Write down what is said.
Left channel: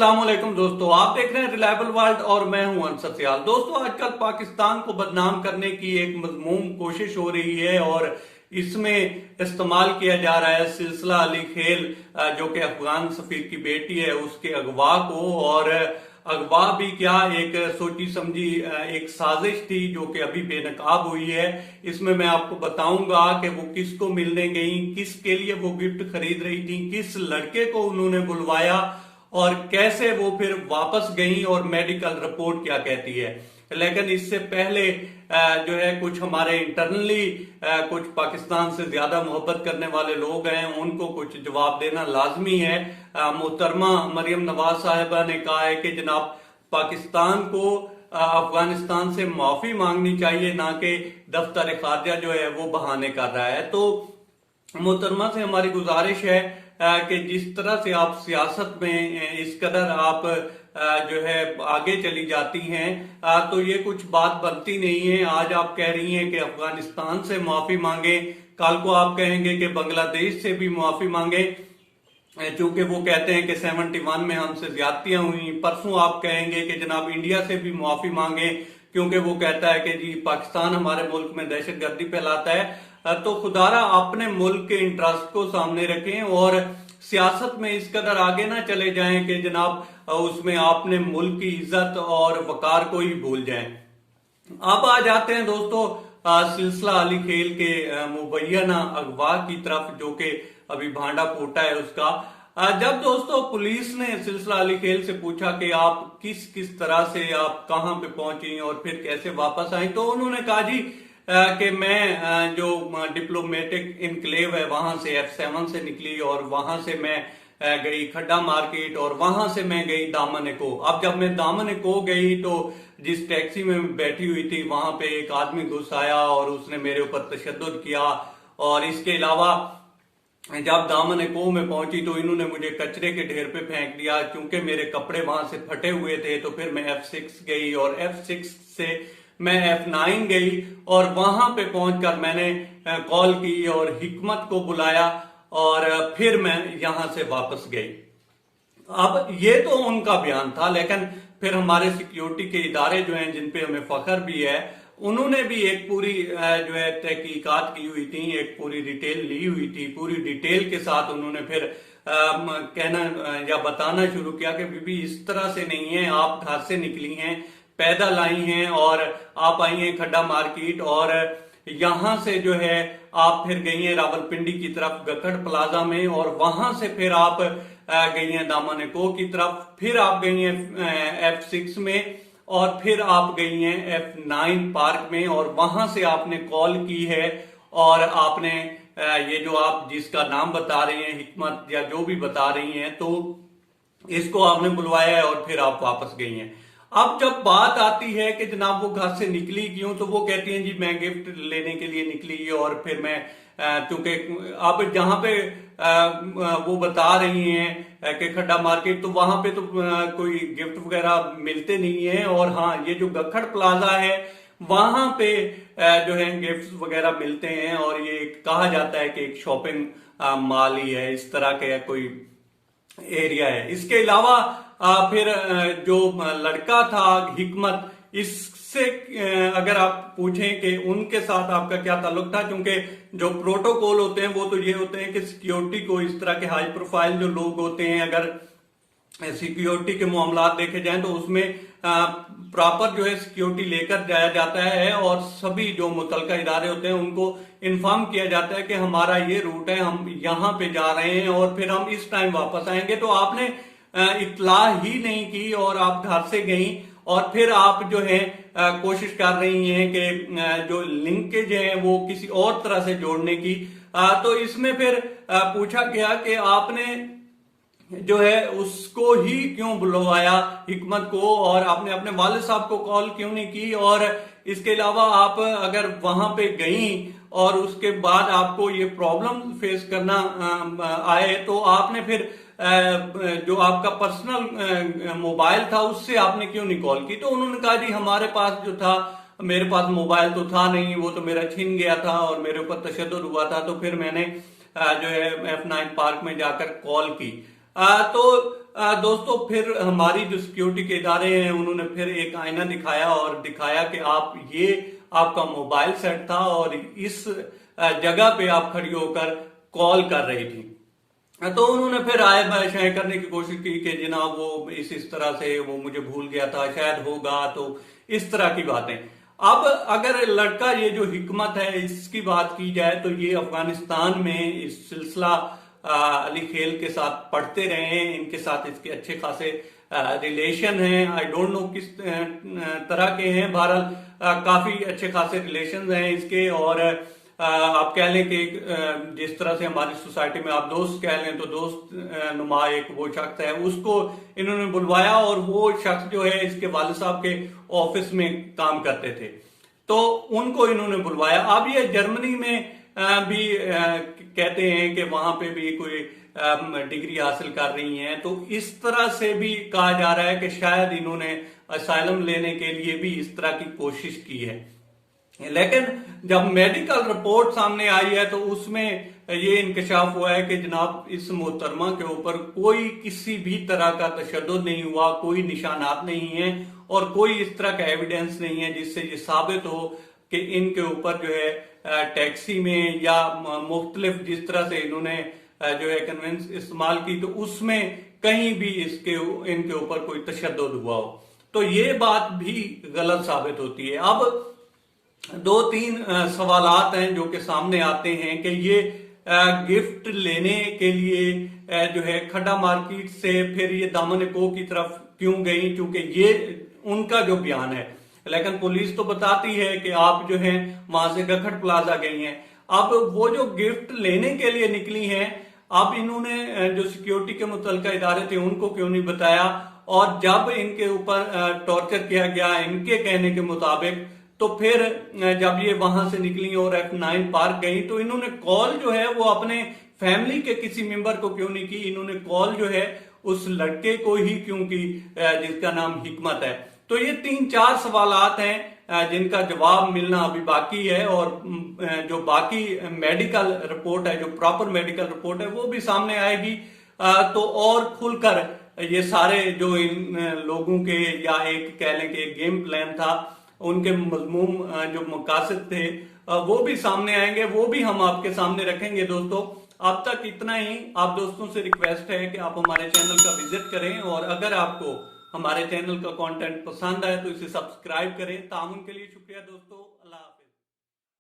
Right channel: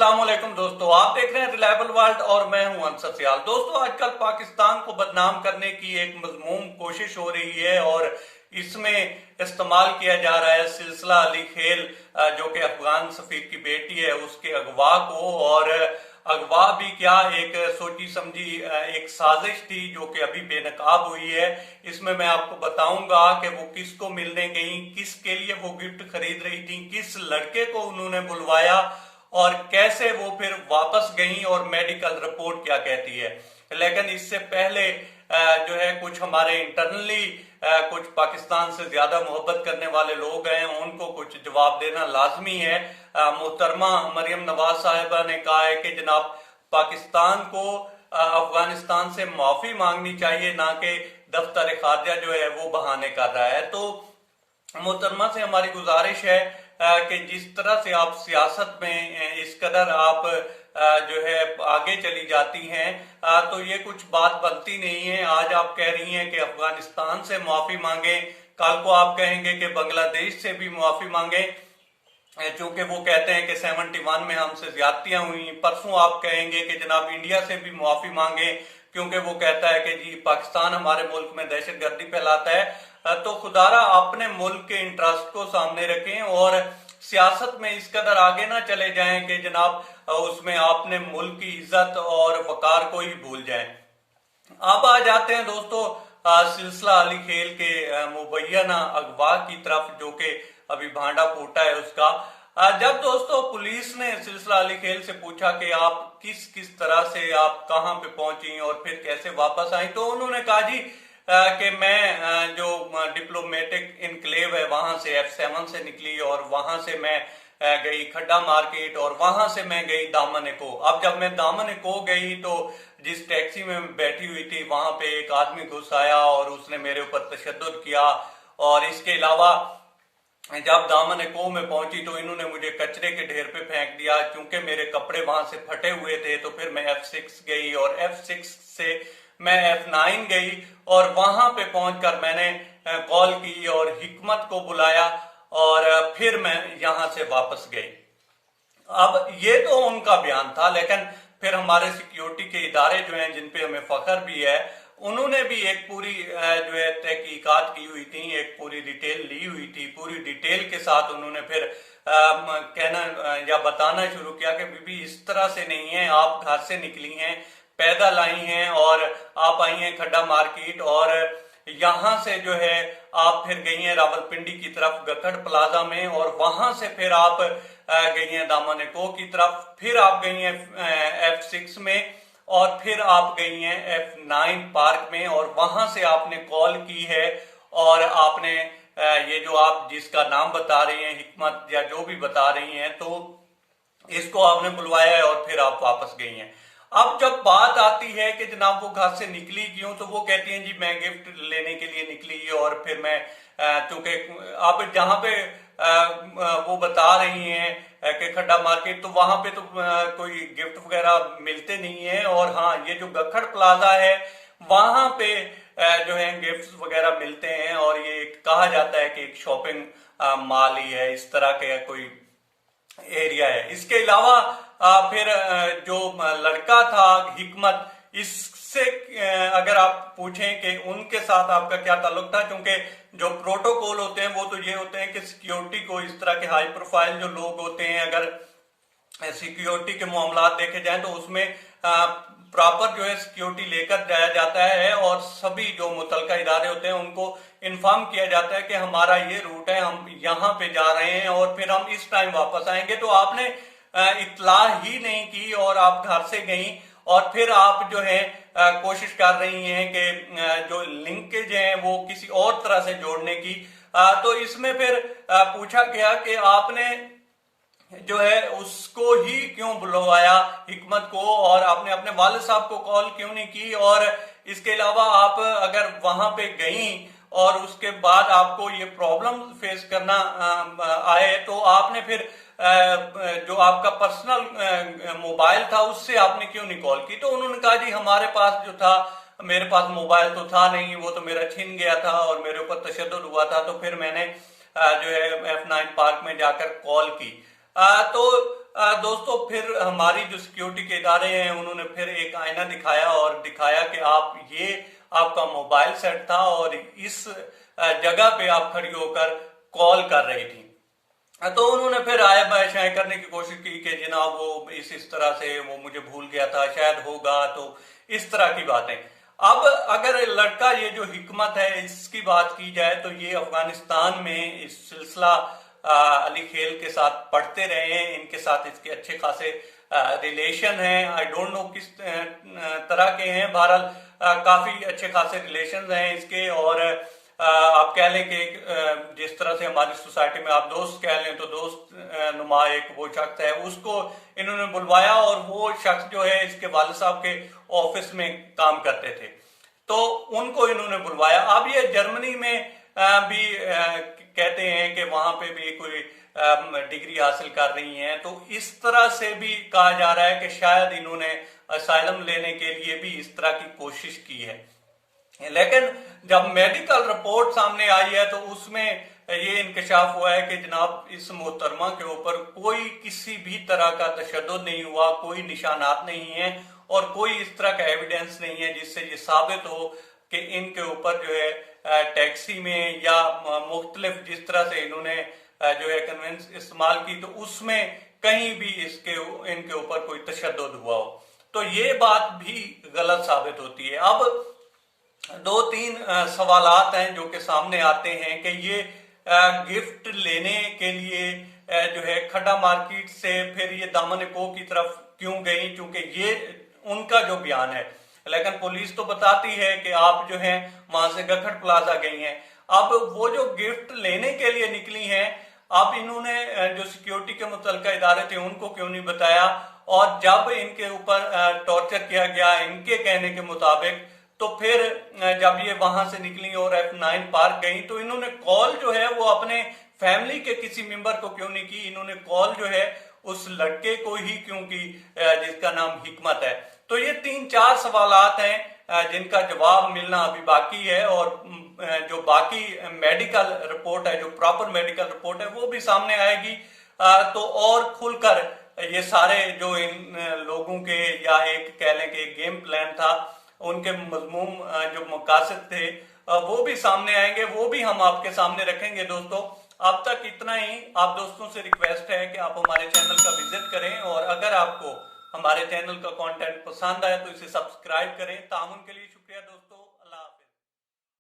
अस्सलामुअलैकुम दोस्तों, आप देख रहे हैं रिलायबल वर्ल्ड और मैं हूं अंसर सियाल। दोस्तों, आजकल पाकिस्तान को बदनाम करने की एक मज़मूम कोशिश हो रही है और इसमें इस्तेमाल किया जा रहा है सिलसिला अली खेल, जो कि अफगान सफीर की बेटी है, उसके अगवा को। और अगवा भी क्या, एक सोची समझी एक साजिश थी जो कि अभी बेनकाब हुई है। इसमें मैं आपको बताऊंगा कि वो किसको मिलने गई, किसके लिए वो गिफ्ट खरीद रही थी, किस लड़के को उन्होंने बुलवाया और कैसे वो फिर वापस गई और मेडिकल रिपोर्ट क्या कहती है। लेकिन इससे पहले जो है कुछ हमारे इंटरनली कुछ पाकिस्तान से ज्यादा मोहब्बत करने वाले लोग हैं, उनको कुछ जवाब देना लाजमी है। मोहतरमा मरियम नवाज साहिबा ने कहा है कि जनाब पाकिस्तान को अफगानिस्तान से माफी मांगनी चाहिए, ना कि दफ्तर खारजा जो है वो बहाने कर रहा है। तो मोहतरमा से हमारी गुजारिश है कि जिस तरह से आप सियासत में इस कदर आप जो है आगे चली जाती हैं, तो ये कुछ बात बनती नहीं है। आज आप कह रही हैं कि अफगानिस्तान से माफी मांगे, कल को आप कहेंगे कि बांग्लादेश से भी माफी मांगे चूंकि वो कहते हैं कि 71 में हमसे ज्यादतियां हुई। परसों आप कहेंगे कि जनाब इंडिया से भी माफी मांगे क्योंकि वो कहता है कि जी पाकिस्तान हमारे मुल्क में दहशतगर्दी फैलाता है। तो खुदारा अपने मुल्क के इंटरेस्ट को सामने रखें और सियासत में इस कदर आगे ना चले जाएं कि जनाब उसमें आपने मुल्क की इज्जत और वकार को ही भूल जाएं। अब आ जाते हैं दोस्तों सिलसिला अली खेल के मुबैना अगवा की तरफ, जो कि अभी भांडा फूटा है उसका। जब दोस्तों पुलिस ने सिलसिला अली खेल से पूछा कि आप किस किस तरह से आप कहां पे पहुंची और फिर कैसे वापस आई, तो उन्होंने कहा जी कि मैं जो डिप्लोमेटिक इनक्लेव है वहां से F7 से निकली और वहां से मैं गई खड्डा मार्केट और वहां से मैं गई दामन को। अब जब मैं दामन को गई तो जिस टैक्सी में बैठी हुई थी वहां पे एक आदमी घुस आया और उसने मेरे ऊपर तशद्दुद किया। और इसके अलावा जब दामन को में पहुंची तो इन्होंने मुझे कचरे के ढेर पे फेंक दिया क्योंकि मेरे कपड़े वहां से फटे हुए थे। तो फिर मैं F6 गई और F6 से मैं F9 गई और वहां पे पहुंचकर मैंने कॉल की और हिकमत को बुलाया और फिर मैं यहां से वापस गई। अब ये तो उनका बयान था, लेकिन फिर हमारे सिक्योरिटी के इदारे जो हैं जिन पे हमें फख्र भी है, उन्होंने भी एक पूरी जो है तहकीकात की हुई थी, एक पूरी डिटेल ली हुई थी। पूरी डिटेल के साथ उन्होंने फिर कहना या बताना शुरू किया कि बीबी इस तरह से नहीं है, आप घर से निकली हैं, पैदल आई हैं और आप आई हैं खड्डा मार्केट और यहां से जो है आप फिर गई हैं रावलपिंडी की तरफ गखड़ प्लाजा में और वहां से फिर आप गई हैं दामन को की तरफ, फिर आप गई हैं F6 में और फिर आप गई हैं F9 पार्क में और वहां से आपने कॉल की है और आपने ये जो आप जिसका नाम बता रही हैं हिकमत या जो भी बता रही हैं, तो इसको आपने बुलवाया है और फिर आप वापस गई हैं। अब जब बात आती है कि जनाब वो घर से निकली क्यों, तो वो कहती हैं जी मैं गिफ्ट लेने के लिए निकली और फिर मैं क्योंकि अब जहां पे वो बता रही हैं कि खड्डा मार्केट, तो वहां पे तो कोई गिफ्ट वगैरह मिलते नहीं है। और हाँ, ये जो गखड़ प्लाजा है वहां पे जो है गिफ्ट वगैरह मिलते हैं और ये कहा जाता है कि एक शॉपिंग मॉल ही है, इस तरह का कोई एरिया है। इसके अलावा फिर जो लड़का था हिकमत, इससे अगर आप पूछें कि उनके साथ आपका क्या ताल्लुक था, क्योंकि जो प्रोटोकॉल होते हैं वो तो ये होते हैं कि सिक्योरिटी को, इस तरह के हाई प्रोफाइल जो लोग होते हैं, अगर सिक्योरिटी के मामलात देखे जाएं तो उसमें प्रॉपर जो है सिक्योरिटी लेकर जाया जाता है और सभी जो मुतलका इदारे होते हैं उनको इन्फॉर्म किया जाता है कि हमारा ये रूट है, हम यहाँ पे जा रहे हैं और फिर हम इस टाइम वापस आएंगे। तो आपने इतला ही नहीं की और आप घर से गई और फिर आप जो है कोशिश कर रही हैं कि जो लिंकेज है वो किसी और तरह से जोड़ने की। तो इसमें फिर पूछा गया कि आपने जो है उसको ही क्यों बुलवाया हिकमत को और आपने अपने वालिद साहब को कॉल क्यों नहीं की। और इसके अलावा आप अगर वहां पे गई और उसके बाद आपको ये प्रॉब्लम फेस करना आए तो आपने फिर जो आपका पर्सनल मोबाइल था उससे आपने क्यों नहीं कॉल की। तो उन्होंने कहा जी हमारे पास जो था, मेरे पास मोबाइल तो था नहीं, वो तो मेरा छिन गया था और मेरे ऊपर तशद्दुद हुआ था, तो फिर मैंने जो है F9 पार्क में जाकर कॉल की। दोस्तों फिर हमारी जो सिक्योरिटी के इदारे हैं उन्होंने फिर एक आईना दिखाया और दिखाया कि आपका मोबाइल सेट था और इस जगह पे आप खड़ी होकर कॉल कर रही थी। तो उन्होंने फिर आय बाय करने की कोशिश की कि जनाब वो इस तरह से वो मुझे भूल गया था, शायद होगा, तो इस तरह की बातें। अब अगर लड़का ये जो हिकमत है इसकी बात की जाए तो ये अफगानिस्तान में इस सिलसिला अली खेल के साथ पढ़ते रहे हैं, इनके साथ इसके अच्छे खासे रिलेशन हैं। आई डोंट नो किस तरह के हैं, बहरहाल काफी अच्छे खासे रिलेशन हैं इसके। और आप कह लें कि जिस तरह से हमारी सोसाइटी में आप दोस्त कह लें तो दोस्त नुमा एक वो शख्स है, उसको इन्होंने बुलवाया और वो शख्स जो है इसके वालिद साहब के ऑफिस में काम करते थे, तो उनको इन्होंने बुलवाया। अब ये जर्मनी में भी कहते हैं कि वहां पे भी कोई डिग्री हासिल कर रही हैं, तो इस तरह से भी कहा जा रहा है कि शायद इन्होंने असाइलम लेने के लिए भी इस तरह की कोशिश की है। लेकिन जब मेडिकल रिपोर्ट सामने आई है तो उसमें ये इंकशाफ हुआ है कि जनाब इस मोहतरमा के ऊपर कोई किसी भी तरह का तशद्दुद नहीं हुआ, कोई निशानात नहीं है और कोई इस तरह का एविडेंस नहीं है जिससे ये साबित हो कि इनके ऊपर जो है टैक्सी में या मुख्तलिफ जिस तरह से इन्होंने जो है कन्वेंस इस्तेमाल की तो उसमें कहीं भी इनके ऊपर कोई तशद्दुद हुआ हो, तो ये बात भी गलत साबित होती है। अब दो तीन सवालात हैं जो कि सामने आते हैं कि ये गिफ्ट लेने के लिए जो है खड्डा मार्केट से फिर ये दामन को की तरफ क्यों गई, क्योंकि ये उनका जो बयान है। लेकिन पुलिस तो बताती है कि आप जो हैं वहां से गखड़ प्लाजा गई हैं। अब वो जो गिफ्ट लेने के लिए निकली हैं, अब इन्होंने जो सिक्योरिटी के मुतल्लिका इदारे थे उनको क्यों नहीं बताया, और जब इनके ऊपर टॉर्चर किया गया इनके कहने के मुताबिक, तो फिर जब ये वहां से निकली और F9 पार्क गई तो इन्होंने कॉल जो है वो अपने फैमिली के किसी मेंबर को क्यों नहीं की, इन्होंने कॉल जो है उस लड़के को ही क्यों की जिसका नाम हिकमत है। तो ये 3-4 सवालात हैं जिनका जवाब मिलना अभी बाकी है, और जो बाकी मेडिकल रिपोर्ट है, जो प्रॉपर मेडिकल रिपोर्ट है वो भी सामने आएगी तो और खुलकर ये सारे जो इन लोगों के या एक कह लें कि गेम प्लान था उनके मजमूम जो मकासद थे वो भी सामने आएंगे, वो भी हम आपके सामने रखेंगे। दोस्तों अब तक इतना ही। आप दोस्तों से रिक्वेस्ट है कि आप हमारे चैनल का विजिट करें और अगर आपको हमारे चैनल का कंटेंट पसंद आए तो इसे सब्सक्राइब करें। तामुन के लिए शुक्रिया दोस्तों।